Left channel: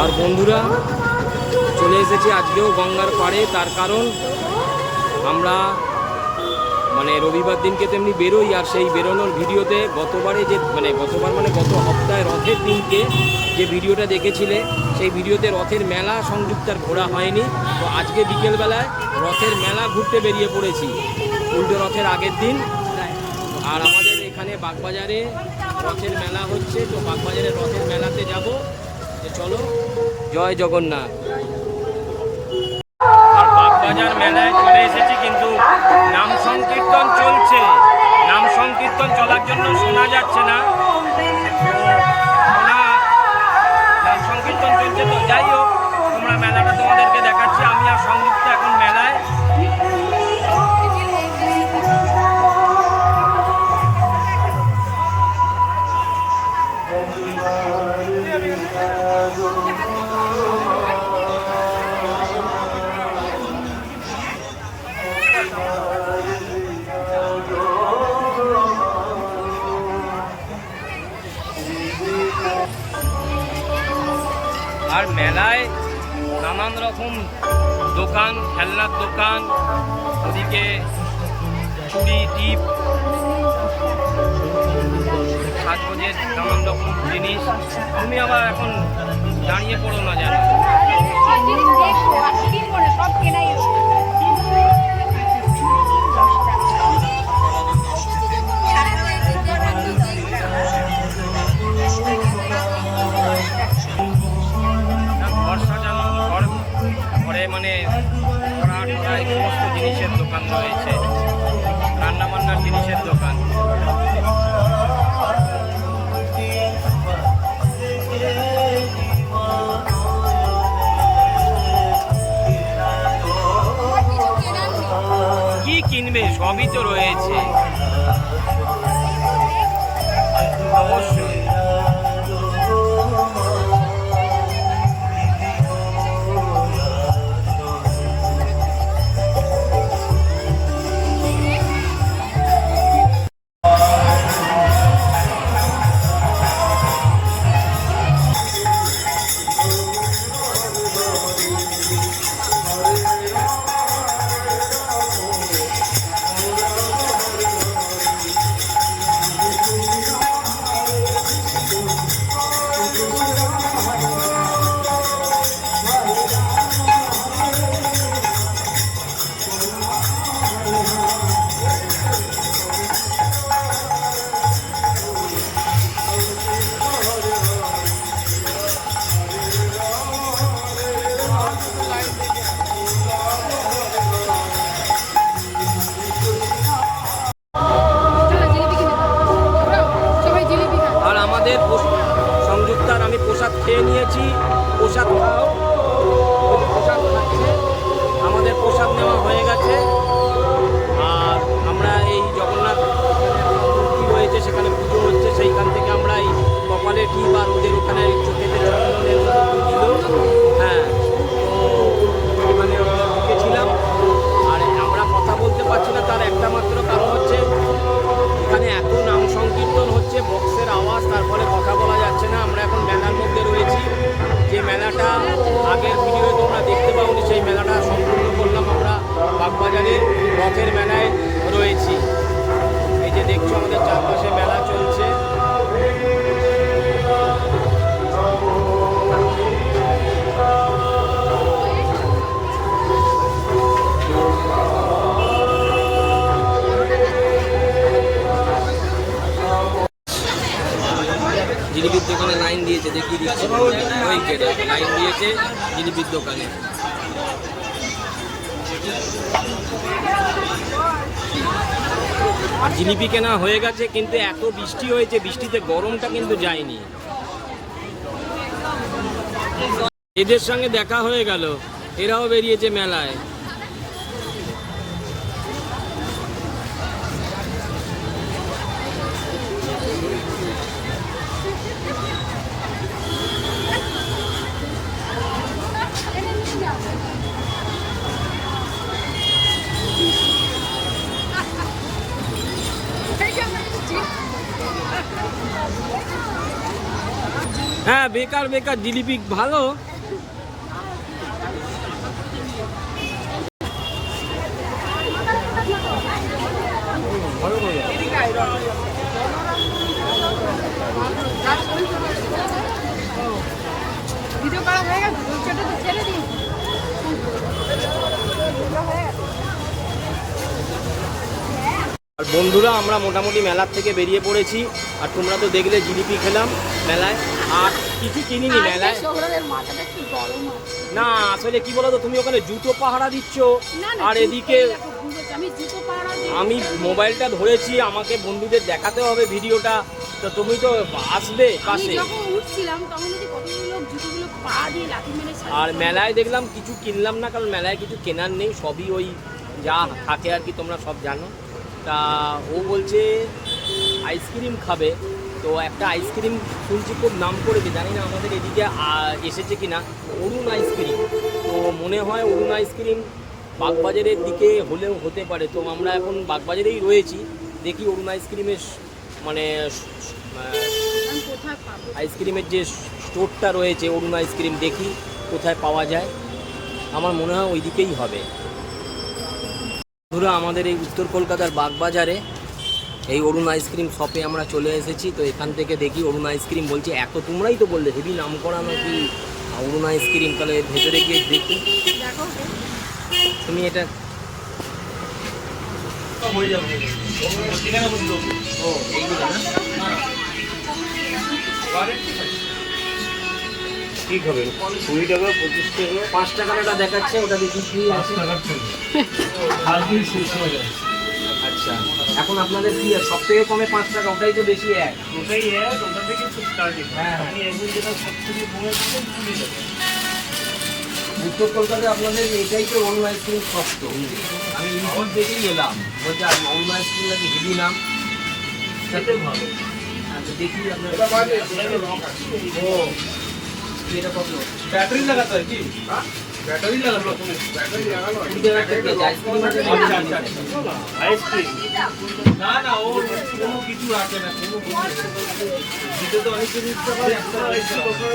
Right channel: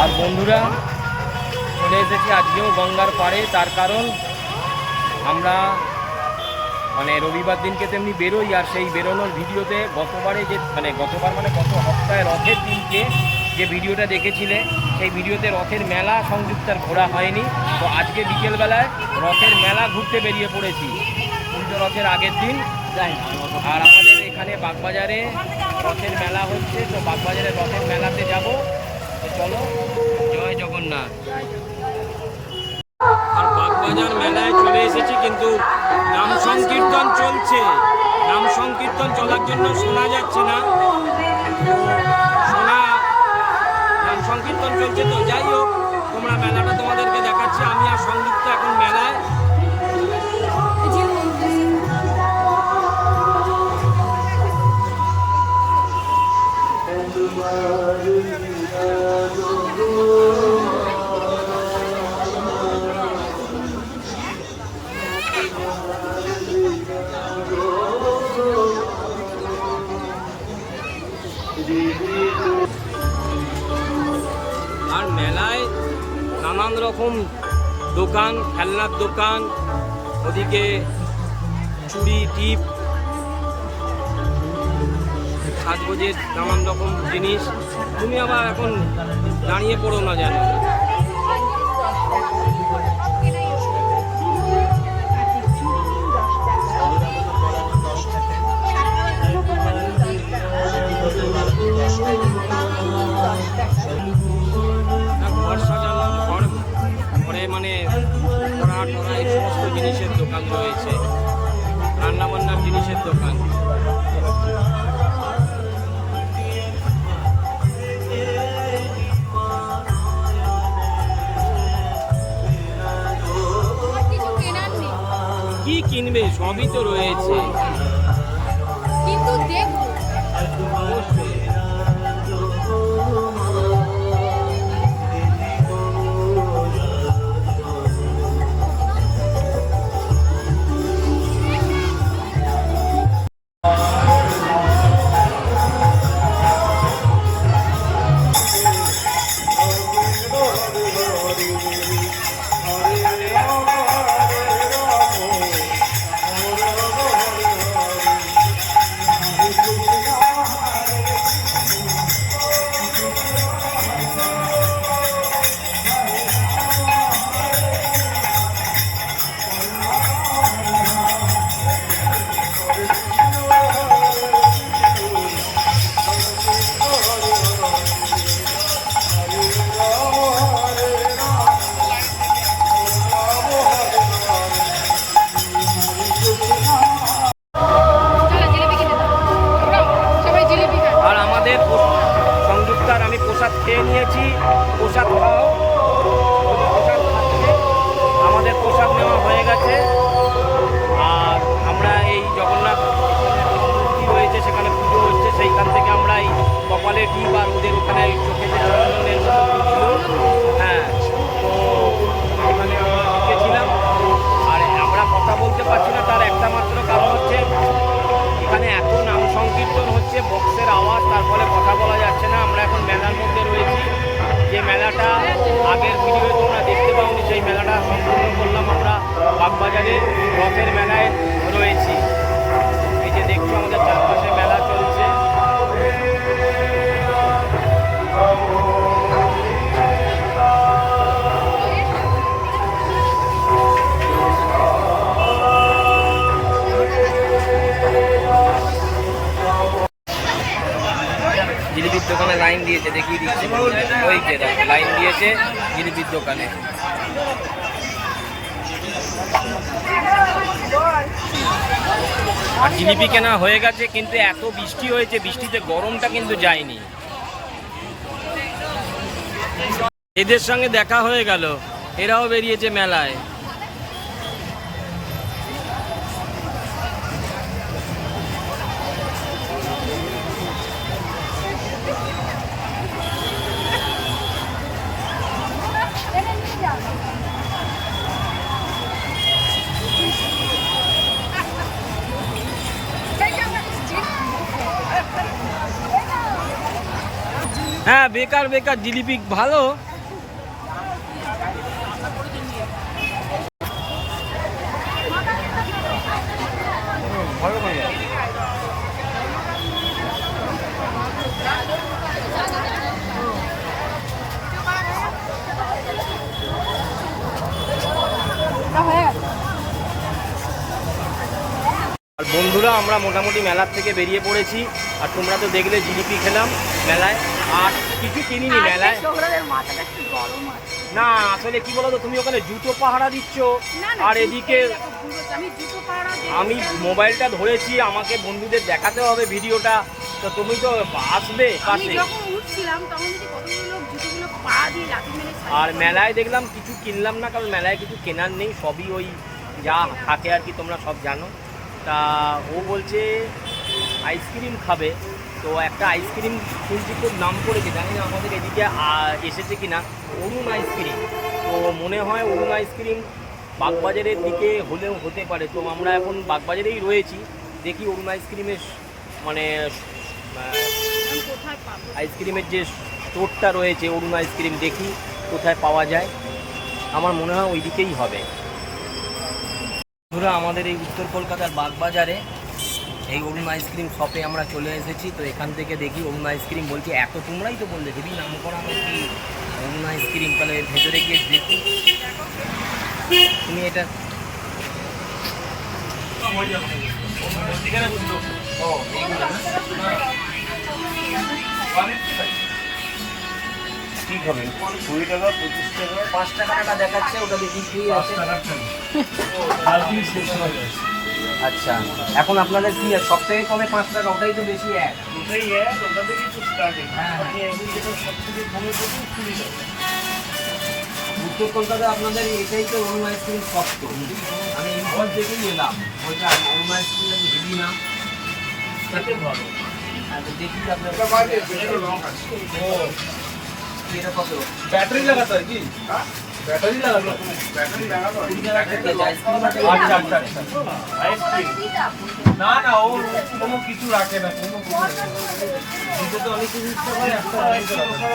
আর বন্ধুরা, চলে এসেছি আজকেও গঙ্গার পাড়ে। তার কারণ, আমরা মানে রবিবার দিনকে তেমনি বেরোই, আর সেই বেরোনোর ভিডিওতে গতবারে যে মানে গতবার মানে গত সপ্তাহে রথের দিনকে যে ভিডিওটা দেখেছিলে, সেই ভিডিওতে রথের মেলা সংযুক্তার ঘোরা হয়নি। তো আজকে বিকেলবেলায় রথের মেলা ঘুরতে বেরিয়ে পড়েছি। উল্টো রথের আগের দিন। আর আমাদের এখানে বাগবাজারে রথের মেলা হচ্ছে, তো বাগবাজারে রথের মেলাতে যাব। তো চলো, জয় জগন্নাথ। আর বাগবাজার মেলায় চলে এসেছি কিন্তু নাম সংকীর্তন চলছে। নাম সংকীর্তন চলার জন্য শোনা যাচ্ছে না। শোনা, নাম সংকীর্তন চলছে তো। যাই হোক, তোমরা মেলাটা তোমাদেরকে দেখাচ্ছি। আমি আর সংযুক্ত এখন মেলায়। আর মেলায় নানান রকম দোকান খেলনার দোকান ওদিকে চুড়ি টিপ সাজগোজের নানান রকম জিনিস। তুমি আবার এখন দাঁড়িয়ে পড়ো না জানো ঘর সাজানো ঘর ঘরে মানে কড়া টড়া এই সমস্ত জিনিসের দোকান রয়েছে। রান্নাবান্নার জিনিসের দোকান। কিনবে সবই তো রয়েছে। অবশ্যই। আমাদের সংযুক্তার আমি প্রসাদ খেয়ে নিয়েছি। প্রসাদ খাও। প্রসাদ খাচ্ছে, আমাদের প্রসাদ নেওয়া হয়ে গেছে। আর আমরা এই জগন্নাথ মূর্তি রয়েছে, সেখানে পুজো হচ্ছে। সেইখান থেকে আমরা এই কপালে টিপ আর ওদের ওখানে এই চোখে যে চন্দনের মতো ছিল। হ্যাঁ তো ওখানে আমরা ঢুকেছিলাম। আর আমরা কথা বলতে পারছি না, তার একটা মাত্র কারণ হচ্ছে এখানে এত নাম সংকীর্তন হচ্ছে বক্সের আওয়াজ, তার ফলে কথা বলা যাচ্ছে না। আমরা এখন মেলার মধ্যে রয়েছি। যে মেলাটা আগের ভিডিওয়ে তোমরা দেখতে পাওনি, সেই মেলাটা সম্পূর্ণ করলাম আমরা বাগবাজারে। রথের মেলায় রয়েছি। এই যে দেখছ, আমাদের চারপাশে মেলা চলছে। দোকানে লাইন দিয়েছে, দেখিয়ে দিচ্ছে। ওই যে লাইন দিয়েছে জিলিপির দোকানে। আর জিলিপি কেনা হয়ে গেছে, কিন্তু এত বৃষ্টি হয়েছে, বৃষ্টিতে গরমটা কিন্তু যায়নি। এদের সঙ্গে দেখা হয়ে গেল, এরাও বেরিয়েছে মেলায়। হ্যাঁ বেকার বেকার জিলিপি ভালো হুম, ভালো করে দাও। ভিডিও করা হয়ে গেছে পিকচারটা তো ছেড়ে দিন না, হয়ে গেছে। আর বন্ধুরা আমরা মোটামুটি মেলার থেকে বেরিয়ে পড়েছি। আর তোমরা তো দেখলে জিলিপি খেলাম মেলায়। আর কিছু কিনিনি মেলায়। না আসলে কি বলতো তুমি ওখানে জুতো পাহারা দিচ্ছ। আর এদিকে আমি মোবাইলটা ধরেছি আমাকে বন্ধুদের দেখাতে হবে ভিডিওটা। তো তুমি তো আসবে পাশে। আর মেলায় দেখলাম কিছু কিনলাম না কারণ মেলায় কিছু কেনার নেই সবই ওই যা থাকে আর কি তোমরা সব জানো। তা ও বলছে আইসক্রিম খাবে। তো একটা আইসক্রিম শুনছি খুব নাম করেছে জানি না আমাদের এদিকে এসেছে কি না অরুণ আইসক্রিম। তো মনে হয় অরুণ আইসক্রিম বাগবাজারের দিকে হলেও হতে পারে। তো আমরা এখন বাগবাজারেই রয়েছি। দেখি অরুণ আইসক্রিমের মানে আইসক্রিমের যে স্টোরটা রয়েছে অরুণ আইসক্রিম, দেখি কোথায় পাওয়া যায়। আমার মনে হয় ওই দিকেই হবে। ধরো আমাদের এই উত্তর কলকাতার বাগবাজারে এই অরুণ আইসক্রিম শপে আমরা চলে এসেছি। তো এখান থেকে দেখি অরুণ আইসক্রিম বলছি, এত তোমরাই তো বললে হেবি নাম করা নাকি অরুণ আইসক্রিম তাহলে এর ভেতরে গিয়ে দেখি। তুমি এটা ও, এইগুলো না? কি খাবেন কুড়ি টাকা পঁচিশ টাকা। পাঁচ টাকার একটা দেখাচ্ছে ওটা বিক্রি আছে কালকেই শেষ হয়ে আচ্ছা এখন আপনাদের কি সব থেকে কমে পাঁচ টাকা ওটাই তো বেশি এক। ওটাই এক ওটা থেকে স্টার্টিং হ্যাঁ। আমি এখন যেটা সব থেকে পনেরো থেকে কুড়ি টাকা। উত্তর কলকাতায় আপনাদের এটাই তো অরুণ আইসক্রিম সস্ত আমি ইউটিউব দেখেই এলাম বলছে অরুণ আইসক্রিম নাকি হেভি নাম? খেতে ভালো। আচ্ছা দেখি আপনার এটা কত? ব্যাটারি লাগাতে হয় কি? ব্যাটারি লাগানো ব্যাটারি আছে। আচ্ছা আচ্ছা আইসক্রিম না না ও কোনো কিছু রাখে না কোনো তো অনেক কিছু ইচ্ছা করে একটা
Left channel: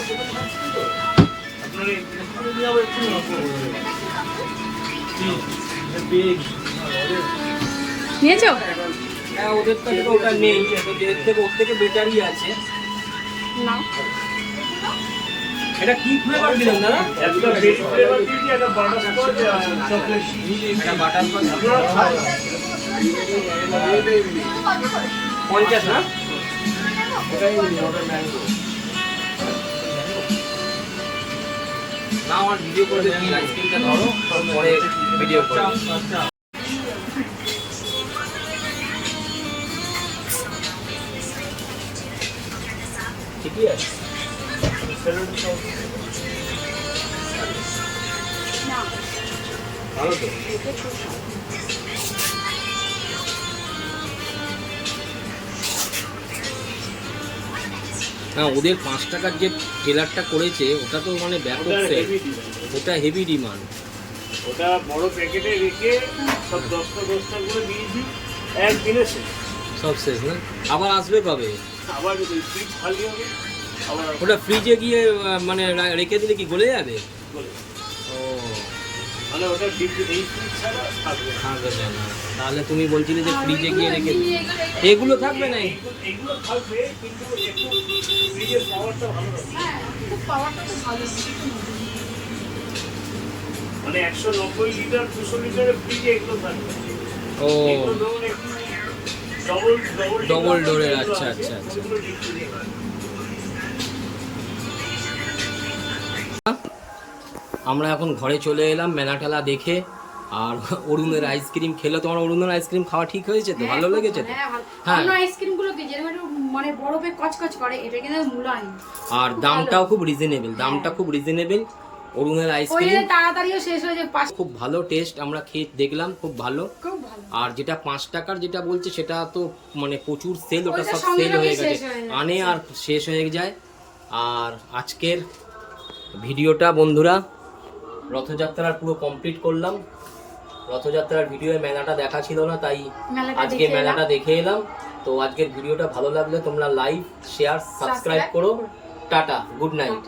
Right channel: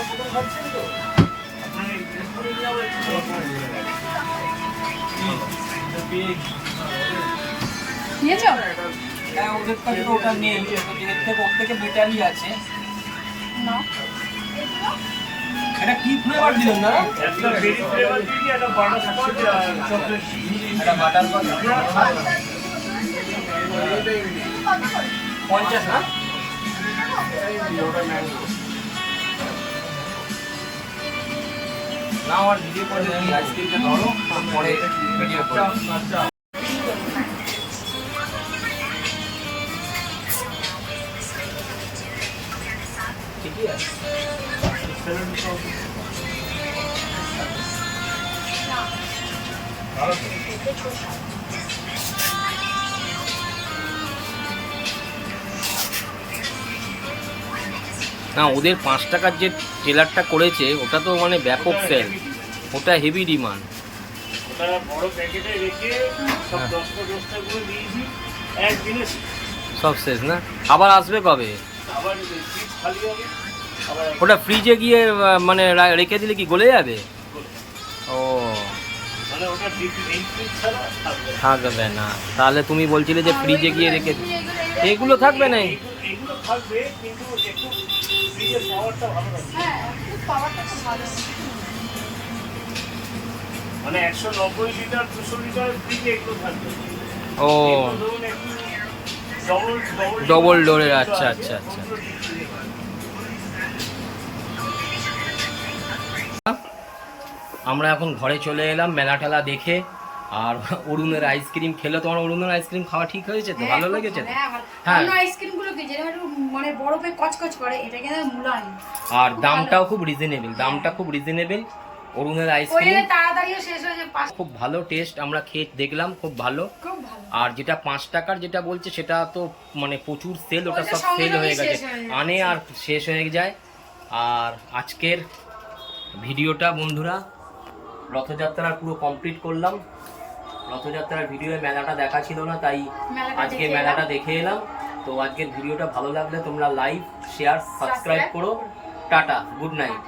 প্রথম খাচ্ছেন তো। নিয়েছো? হ্যাঁ ওদের কাছে তো ওটা নেই। থেকে ওর থেকে বেটারই আছে। নাও এটা কি ফ্লেভার দিলেন দাদা? একটা berry flavor দিয়েছি, একটা আর chocolate chip। এটা বাটার পঞ্চাশ না? না আমার ভিডিও করে দিচ্ছি আইসক্রিমটা ধরো পরে ভিডিও করে ঠিকই আছে। ভালো তো না ওদের পাঁচ টাকার যে ট্রেলারটা করেছে ওটা তো মানে ব্যাপক সেল ওটা হেভি ডিমান্ড ওটা বড় প্যাকেটে রেখে সব হ্যাঁ। দশটা দশটা করে দিয়েছি একদিনে সব শেষ না? আবার আসবে কবে? আবার খালি হবে। ওটা ফ্রিজে গিয়ে মানে রেখে দিলে কি গলে যাবে? ও। মানে থাকবে না। তাহলে তুমি বলছিলে যে ফ্রিজে গিয়ে রেখে এগুলো থাকবে না এইগুলো থাকবে কিন্তু একটু ফ্রিজের পাওয়ারটা ভালো লাগবে। হ্যাঁ মানে একশো নব্বই লিটার দুশো লিটারের ফ্রিজে এগুলো থাকবে। ও। ডবল এর, আচ্ছা, আচ্ছা, আচ্ছা। আমরা এখন ঘরে চলে এলাম মেলা টেলা দেখে। আর অরুণের আইসক্রিম খেলে তোমার অরুণের আইসক্রিম খাওয়া ঠিক হয়েছে তো? ভালো লেগেছে তো? হ্যাঁ হ্যাঁ। আইসক্রিমগুলো কি? যেরকম একটু মানে বরফে কচকচ করে এটা কিন্তু মুলায়ম আর দামটাও খুব রিজনেবল দামটা খুব রিজনেবল অরুণের আইসক্রিম তাড়াতাড়িও শেষ হয়ে যায় খুব ভালো টেস্ট আমরা খেয়ে দেখলাম খুব ভালো। আর যেটা পাঁচ টাকার যেটা বলছে সেটা তো মানে প্রচুর সেল ওটা সব সেল হয়ে গেছে। হয়ে। আনে আর শেষ হয়ে যায়। আর আজকের ভিডিওটা বন্ধুরা রথযাত্রার পুরো কমপ্লিট করলাম। রথযাত্রার ভিডিও মেলাটা দেখা ছিল না তাই আজকে মেলাটা দেখে এলাম। তো আজকের ভিডিওটা ভালো লাগলে তোমরা লাইক শেয়ার সাবস্ক্রাইব করো। Tata good night